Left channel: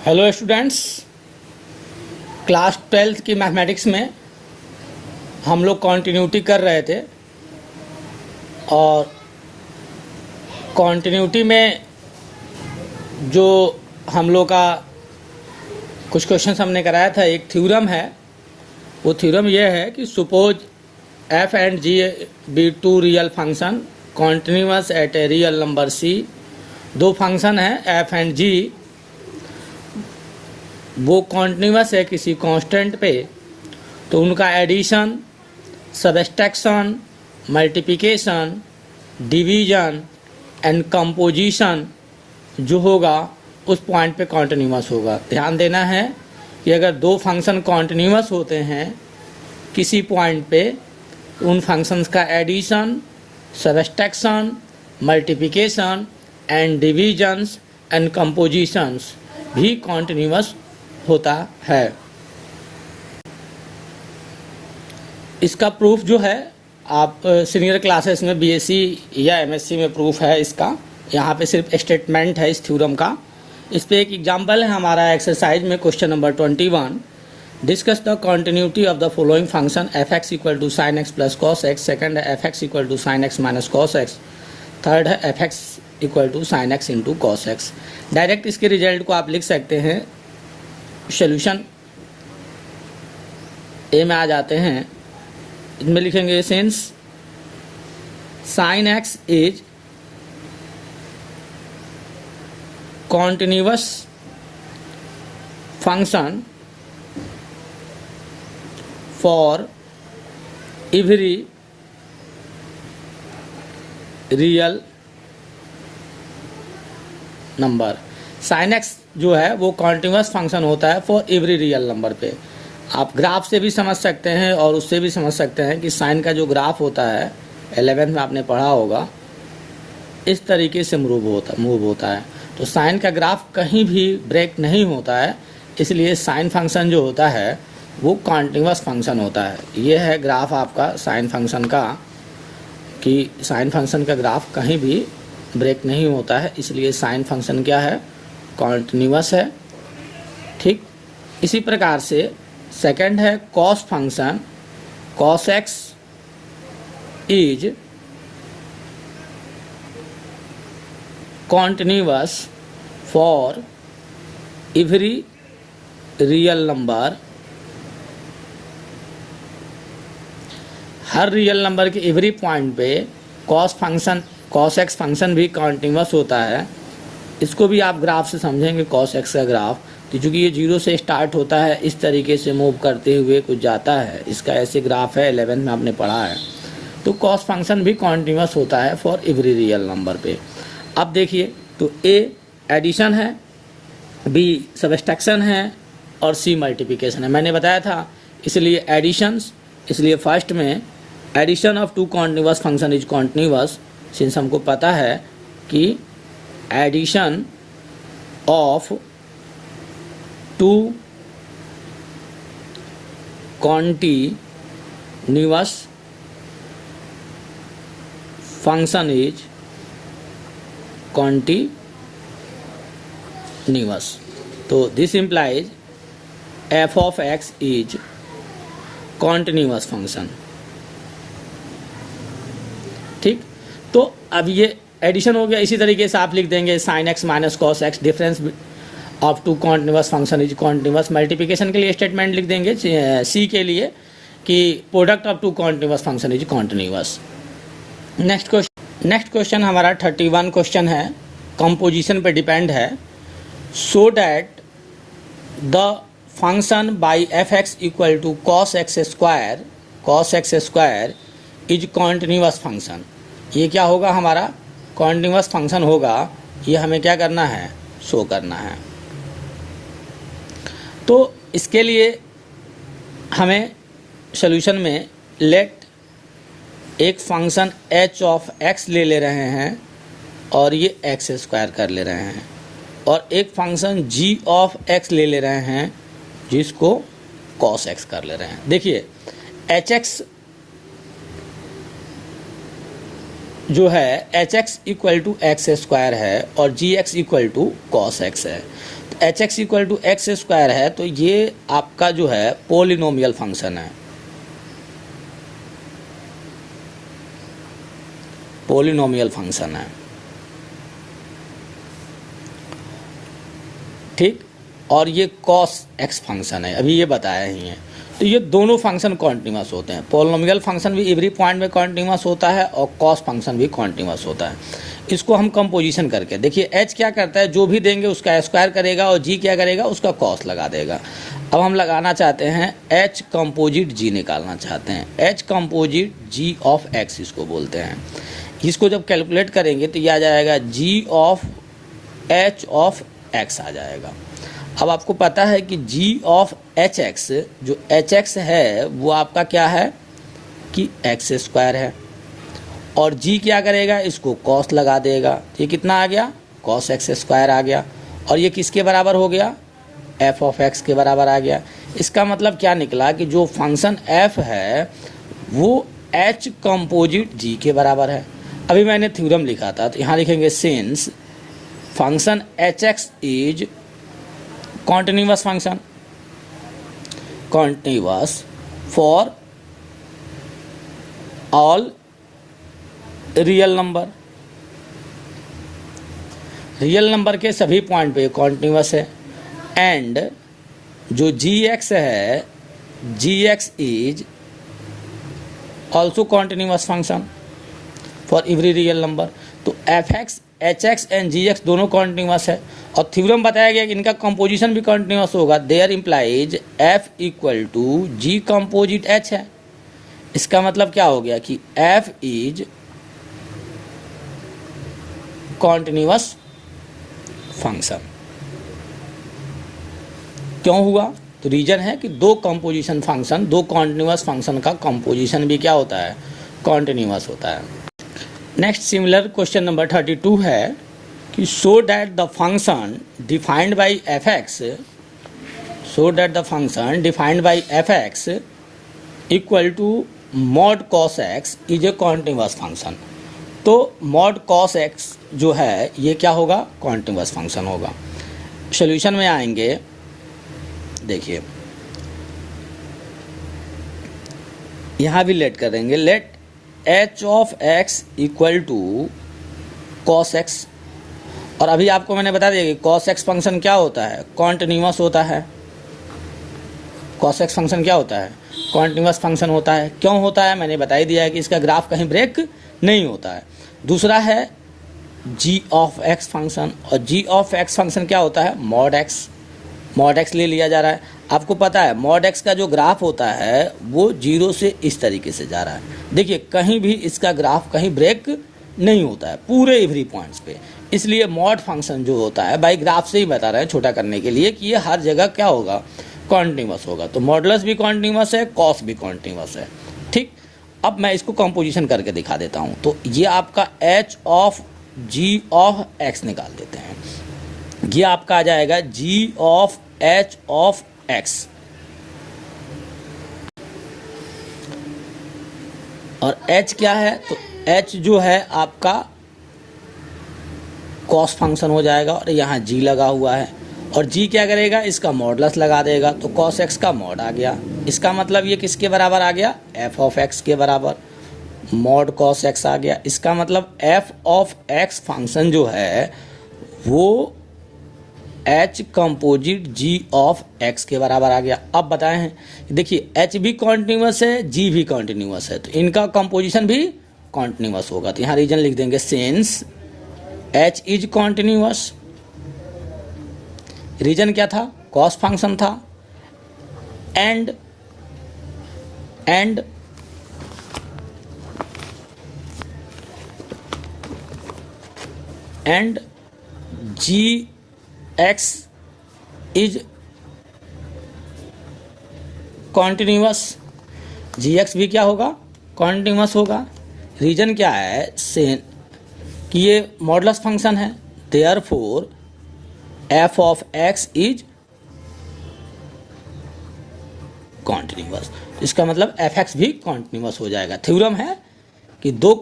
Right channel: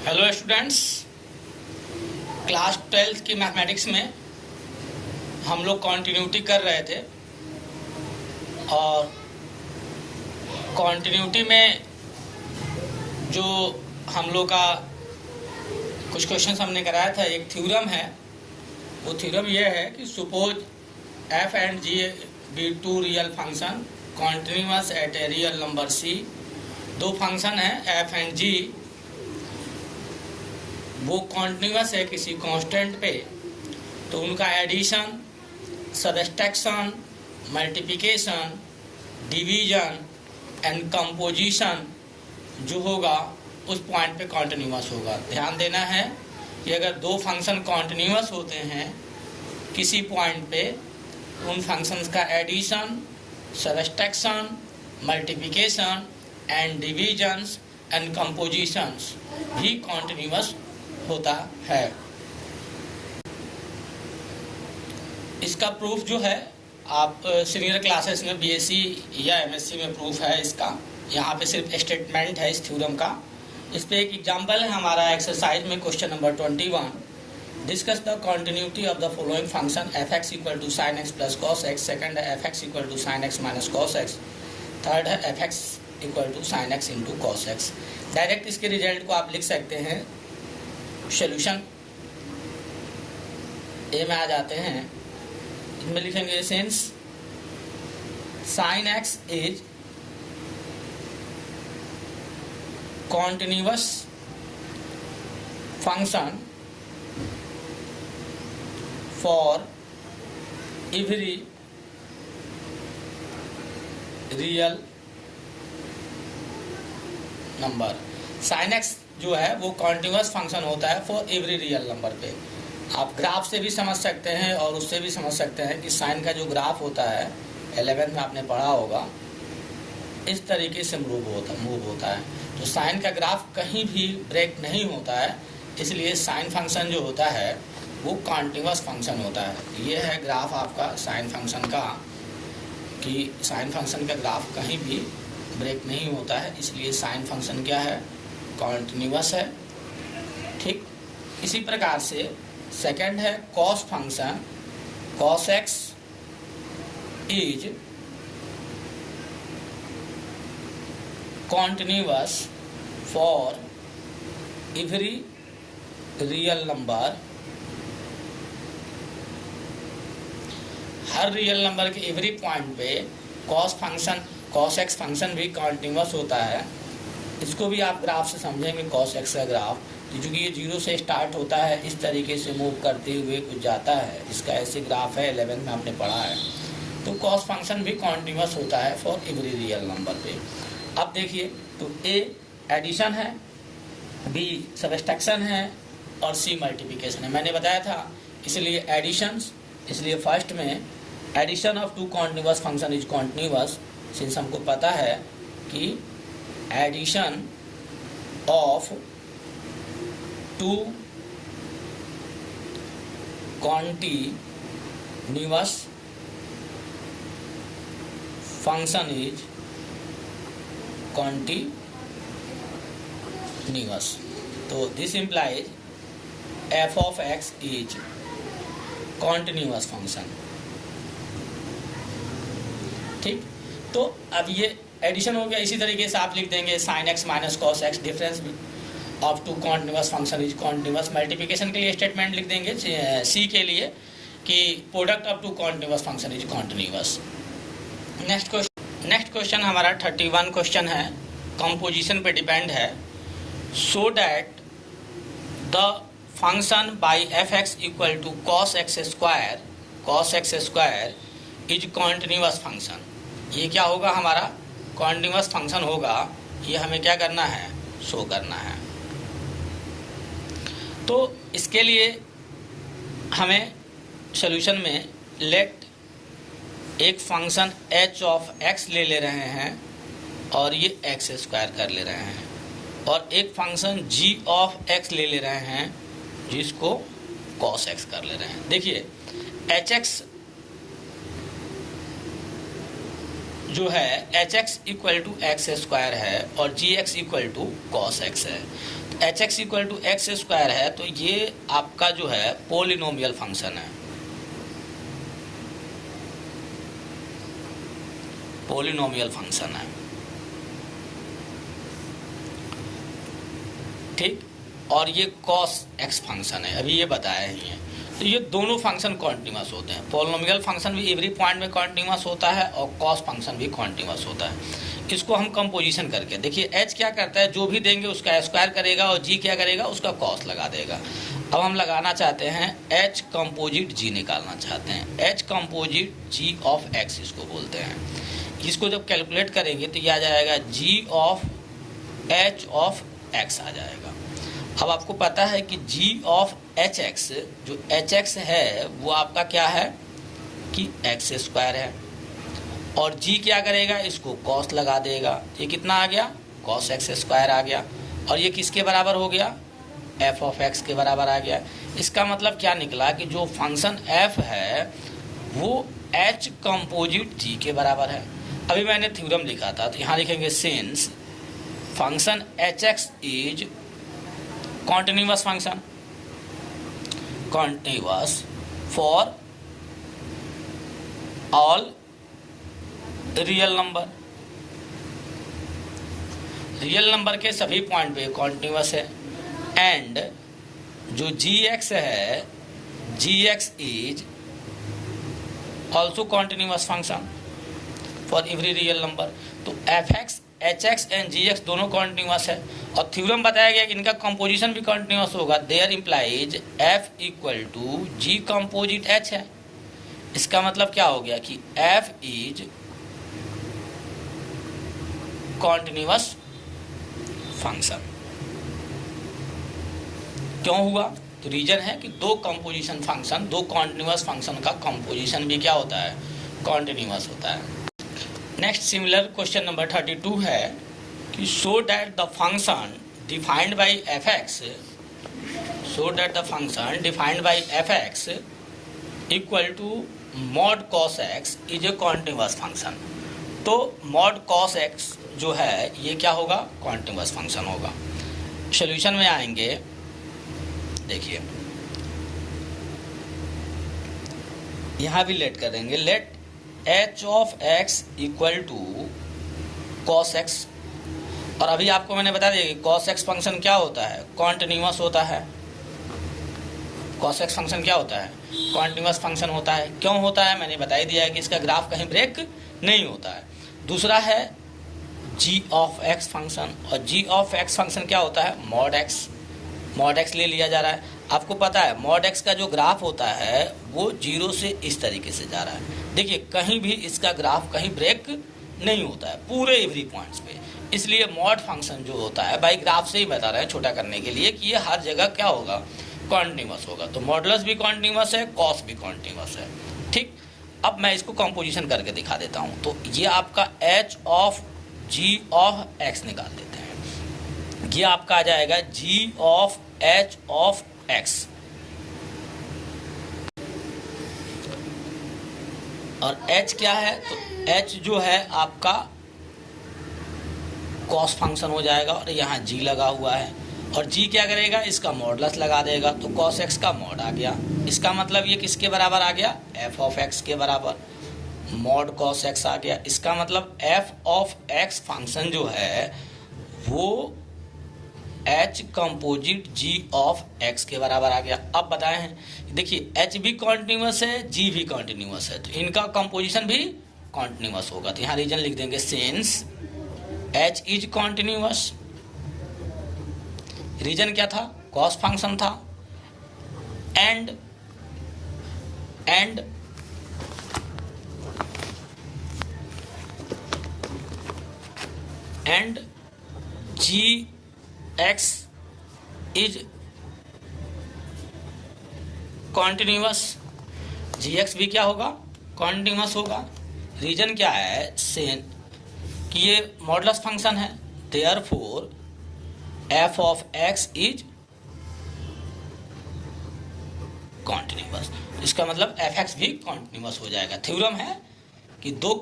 Hello students, class 12 की mathematics में हम लोग कॉन्टिन्यूटी कर रहे थे और कॉन्टिन्यूटी में जो हम लोग का कुछ क्वेश्चन हमने कराया था, एक थ्योरम है। वो थ्योरम ये है कि suppose f and g be two real function continuous at a real number c। दो फंक्शन है f एंड g, वो कॉन्टिन्यूअस है किसी कांस्टेंट पे, तो उनका addition, subtraction, multiplication, division and composition जो होगा उस पॉइंट पे कॉन्टिन्यूअस होगा। ध्यान देना है कि अगर दो फंक्शन कॉन्टिन्यूअस होते हैं किसी पॉइंट पे, उन फंक्शंस का addition, subtraction, multiplication and divisions and compositions भी कॉन्टिन्यूअस होता है। इसका प्रूफ जो है आप सीनियर क्लासेस में बीएससी या एमएससी में प्रूफ है इसका। यहाँ पे सिर्फ स्टेटमेंट है इस थ्योरम का। इस पे एक एग्जांपल है हमारा एक्सरसाइज में, question number 21। Discuss the continuity of the following function f x equal to sine x plus cos x. Second है f x equal to sine x minus cos x. Third है f x equal to sine x into cos x. Direct इसके result को आप लिख सकते हैं। Solution A में आ जाते हैं, इनमें लिखेंगे since sine x is continuous function for every real number. Sine x जो है वो कॉन्टिन्यूअस फंक्शन होता है फॉर एवरी रियल नंबर पे। आप ग्राफ से भी समझ सकते हैं और उससे भी समझ सकते हैं कि साइन का जो ग्राफ होता है 11th में आपने पढ़ा होगा, इस तरीके से मूव होता है। तो साइन का ग्राफ कहीं भी ब्रेक नहीं होता है, इसलिए साइन फंक्शन जो होता है वो कॉन्टिन्यूअस फंक्शन होता है। ये है ग्राफ आपका साइन फंक्शन का, कि साइन फंक्शन का ग्राफ कहीं भी ब्रेक नहीं होता है, इसलिए साइन फंक्शन क्या है, कॉन्टिन्यूअस है। ठीक इसी प्रकार से सेकंड है cos function. Cos x is continuous for every real number. Her real number के एवरी पॉइंट पे कॉस एक्स फंक्शन भी कॉन्टिन्यूअस होता है। इसको भी आप ग्राफ से समझेंगे, कॉस एक्स का ग्राफ, कि चूंकि ये 0 से स्टार्ट होता है, इस तरीके से मूव करते हुए कुछ जाता है, इसका ऐसे ग्राफ है, 11 में आपने पढ़ा है। तो कॉस फंक्शन भी कॉन्टिन्यूअस होता है फॉर एवरी रियल नंबर पे। अब देखिए, तो ए एडिशन है, बी सबट्रैक्शन है और सी मल्टीप्लिकेशन है। मैंने बताया था, इसलिए एडिशंस, इसलिए फर्स्ट में addition of two continuous function is continuous. Since हमको पता है कि addition of two continuous function is continuous. तो this implies f of x is continuous function. ठीक, तो अब ये एडिशन हो गया। इसी तरीके से आप लिख देंगे sine x minus cos x, difference of two continuous function is continuous. Multiplication के लिए स्टेटमेंट लिख देंगे सी के लिए कि product of two continuous function is continuous. Next question हमारा 31 क्वेश्चन है, कंपोजिशन पे डिपेंड है। So that the function by f x equal to cos x square is continuous function. ये क्या होगा, हमारा कॉन्टिन्यूअस फंक्शन होगा। ये हमें क्या करना है, शो करना है। तो इसके लिए हमें सॉल्यूशन में लेट एक फंक्शन h ऑफ x ले रहे हैं और ये x स्क्वायर कर ले रहे हैं, और एक फंक्शन g ऑफ x ले रहे हैं जिसको cos x कर ले रहे हैं। देखिए hx जो है h x equal to x square है और g x equal to cos x है। H x equal to x square है तो ये आपका जो है पोलिनोमियल फंक्शन है, पोलिनोमियल फंक्शन है, ठीक। और ये कॉस एक्स फंक्शन है, अभी ये बताया ही है। तो ये दोनों फंक्शन कॉन्टिन्यूअस होते हैं। पोलिनोमियल फंक्शन भी एवरी पॉइंट में कॉन्टिन्यूअस होता है और कॉस फंक्शन भी कॉन्टिन्यूअस होता है। इसको हम कंपोजिशन करके देखिए, एच क्या करता है, जो भी देंगे उसका स्क्वायर करेगा और जी क्या करेगा, उसका कॉस लगा देगा। अब हम लगाना चाहते हैं एच कंपोजिट जी निकालना चाहते हैं। H composite g of x इसको बोलते हैं। इसको जब कैलकुलेट करेंगे तो ये आ जाएगा g of h of x आ जाएगा। अब आपको पता है कि जी ऑफ एच एक्स, जो एच एक्स है वो आपका क्या है कि एक्स स्क्वायर है, और जी क्या करेगा, इसको कॉस लगा देगा। ये कितना आ गया, कॉस एक्स स्क्वायर आ गया, और ये किसके बराबर हो गया, एफ ऑफ एक्स के बराबर आ गया। इसका मतलब क्या निकला कि जो फंक्शन एफ है वो एच कंपोजिट जी के बराबर है। अभी मैंने थ्योरम लिखा था, तो यहाँ लिखेंगे since function H x is continuous function, continuous for all real number, real number के सभी पॉइंट पे कॉन्टिन्यूअस है। एंड जो जी एक्स है, g x is also continuous function for every real number. तो f x, h x and g x दोनों continuous है, और थ्योरम बताया गया कि इनका कंपोजिशन भी कॉन्टिन्यूअस होगा। There implies f equal to g composite h है। इसका मतलब क्या हो गया कि एफ इज कॉन्टिन्यूअस फंक्शन। क्यों हुआ, तो रीजन है कि दो कंपोजिशन फंक्शन, दो कॉन्टिन्यूअस फंक्शन का कंपोजिशन भी क्या होता है, कॉन्टिन्यूअस होता है। नेक्स्ट सिमिलर क्वेश्चन नंबर 32 है कि show that the function defined by f x, show that the function defined by f x equal to mod cos x is a continuous function. तो mod cos x जो है ये क्या होगा, continuous function होगा। Solution में आएंगे, देखिए यहां भी लेट करेंगे, let h of x equal to cos x. और अभी आपको मैंने बता दिया कि कॉस एक्स फंक्शन क्या होता है, कॉन्टिन्यूअस होता है। कॉस एक्स फंक्शन क्या होता है, कॉन्टिन्यूअस फंक्शन होता है। क्यों होता है, मैंने बता ही दिया है कि इसका ग्राफ कहीं ब्रेक नहीं होता है। दूसरा है जी ऑफ एक्स फंक्शन, और जी ऑफ एक्स फंक्शन क्या होता है, मॉड एक्स। मॉड एक्स ले लिया जा रहा है। आपको पता है मॉड एक्स का जो ग्राफ होता है वो जीरो से इस तरीके से जा रहा है। देखिए कहीं भी इसका ग्राफ कहीं ब्रेक नहीं होता है, पूरे एवरी पॉइंट्स पे। इसलिए मॉड फंक्शन जो होता है बाई ग्राफ से ही बता रहे हैं छोटा करने के लिए कि ये हर जगह क्या होगा, कॉन्टिन्यूअस होगा। तो मॉडुलस भी कॉन्टिन्यूअस है, कॉस भी कॉन्टिन्यूअस है, ठीक। अब मैं इसको कंपोजिशन करके दिखा देता हूं। तो ये आपका h of g of x निकाल देते हैं। ये आपका आ जाएगा g of h of x, और h क्या है, तो h जो है आपका कॉस फंक्शन हो जाएगा, और यहाँ g लगा हुआ है, और g क्या करेगा, इसका मॉडुलस लगा देगा, तो कॉस x का मॉड आ गया। इसका मतलब ये किसके बराबर आ गया, f ऑफ x के बराबर, मॉड कॉस x आ गया। इसका मतलब f ऑफ x फंक्शन जो है वो h composite g of x के बराबर आ गया। अब बताएं, देखिए h भी कॉन्टिन्यूअस है, g भी कॉन्टिन्यूअस है, तो इनका कंपोजिशन भी कॉन्टिन्यूअस होगा। तो यहाँ रीजन लिख देंगे since h is continuous. Reason क्या था, कॉस फंक्शन था, and g x is continuous, g x भी क्या होगा, कॉन्टिन्यूअस होगा। रीजन क्या है, सेम कि ये मॉडुलस फंक्शन है, therefore F of x is continuous. इसका मतलब एफ एक्स भी कॉन्टिन्यूअस हो जाएगा। थ्योरम है कि दो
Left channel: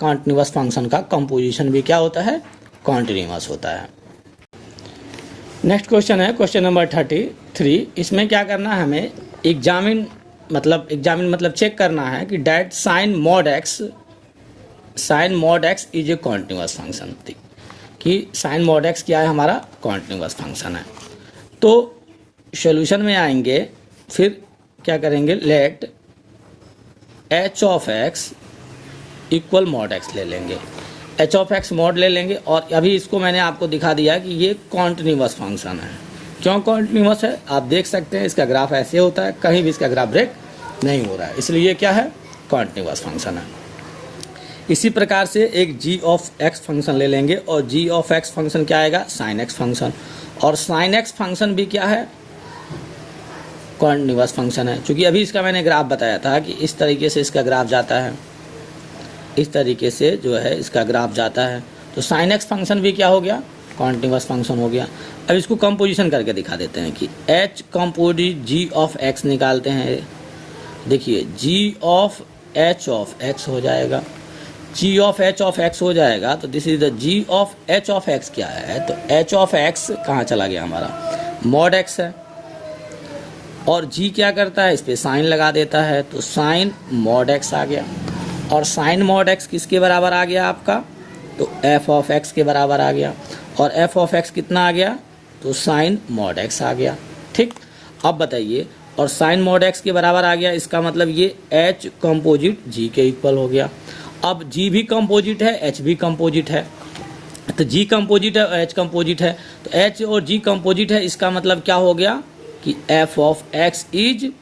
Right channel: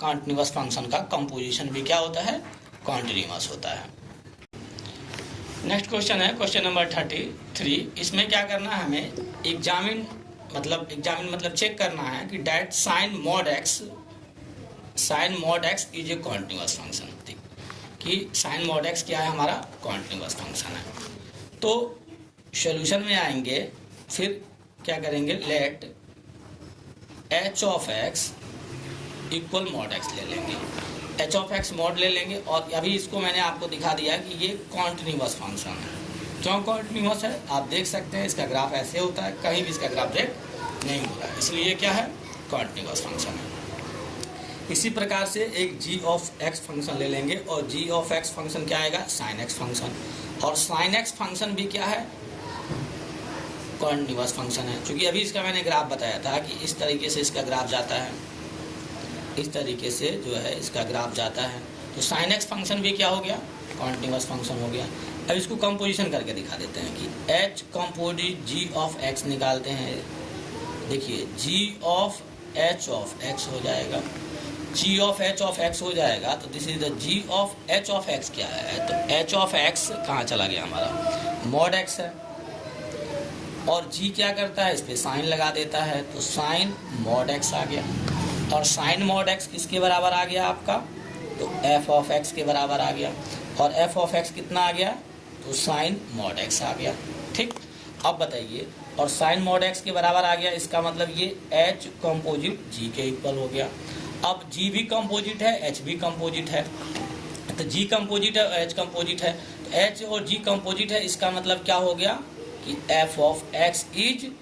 कॉन्टिन्यूअस फंक्शन का कंपोजिशन भी क्या होता है, कॉन्टिन्यूअस होता है। नेक्स्ट क्वेश्चन है क्वेश्चन नंबर 33। इसमें क्या करना है हमें, एग्जामिन मतलब चेक करना है कि that sine mod x is a continuous function, कि साइन मॉड एक्स क्या है, हमारा कॉन्टिन्यूअस फंक्शन है। तो सॉल्यूशन में आएंगे, फिर क्या करेंगे, let h of x equal mod x ले लेंगे, एच ऑफ एक्स मॉड ले लेंगे। और अभी इसको मैंने आपको दिखा दिया कि ये कॉन्टिन्यूअस फंक्शन है। क्यों कॉन्टिन्यूअस है, आप देख सकते हैं इसका ग्राफ ऐसे होता है, कहीं भी इसका ग्राफ ब्रेक नहीं हो रहा है, इसलिए क्या है, कॉन्टिन्यूअस फंक्शन है। इसी प्रकार से एक जी ऑफ एक्स फंक्शन ले लेंगे, और जी ऑफ एक्स फंक्शन क्या आएगा, साइन एक्स फंक्शन। और साइन एक्स फंक्शन भी क्या है, कॉन्टिन्यूअस फंक्शन है। क्योंकि अभी इसका मैंने ग्राफ बताया था कि इस तरीके से इसका ग्राफ जाता है, इस तरीके से जो है इसका ग्राफ जाता है। तो साइन एक्स फंक्शन भी क्या हो गया, कॉन्टिन्यूअस फंक्शन हो गया। अब इसको कंपोजिशन करके दिखा देते हैं कि h composite g of x निकालते हैं। देखिए g of h of x हो जाएगा, g of h of x हो जाएगा। तो this is the g of h of x क्या है, तो एच ऑफ एक्स कहाँ चला गया, हमारा मॉड एक्स है। और जी क्या करता है, इस पे साइन लगा देता है, तो साइन मॉड एक्स आ गया। और साइन मॉड एक्स किसके बराबर आ गया आपका, तो एफ ऑफ एक्स के बराबर आ गया। और एफ ऑफ एक्स कितना आ गया, तो साइन मॉड एक्स आ गया। ठीक, अब बताइए, और साइन मॉड एक्स के बराबर आ गया, इसका मतलब ये एच कंपोजिट जी के इक्वल हो गया। अब जी भी कंपोजिट है, एच भी कंपोजिट है, तो जी कंपोजिट है और एच कंपोजिट है, तो एच और जी कंपोजिट है, इसका मतलब क्या हो गया कि F of x is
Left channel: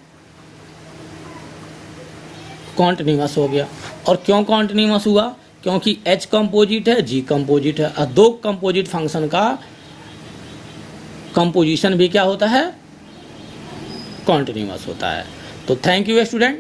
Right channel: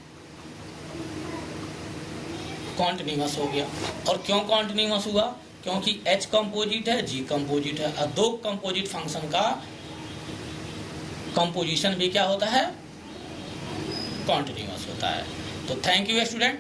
continuous हो गया। और क्यों कॉन्टिन्यूअस हुआ, क्योंकि एच कंपोजिट है, जी कंपोजिट है, और दो कंपोजिट फंक्शन का कंपोजिशन भी क्या होता है, कॉन्टिन्यूअस होता है। तो थैंक यू स्टूडेंट।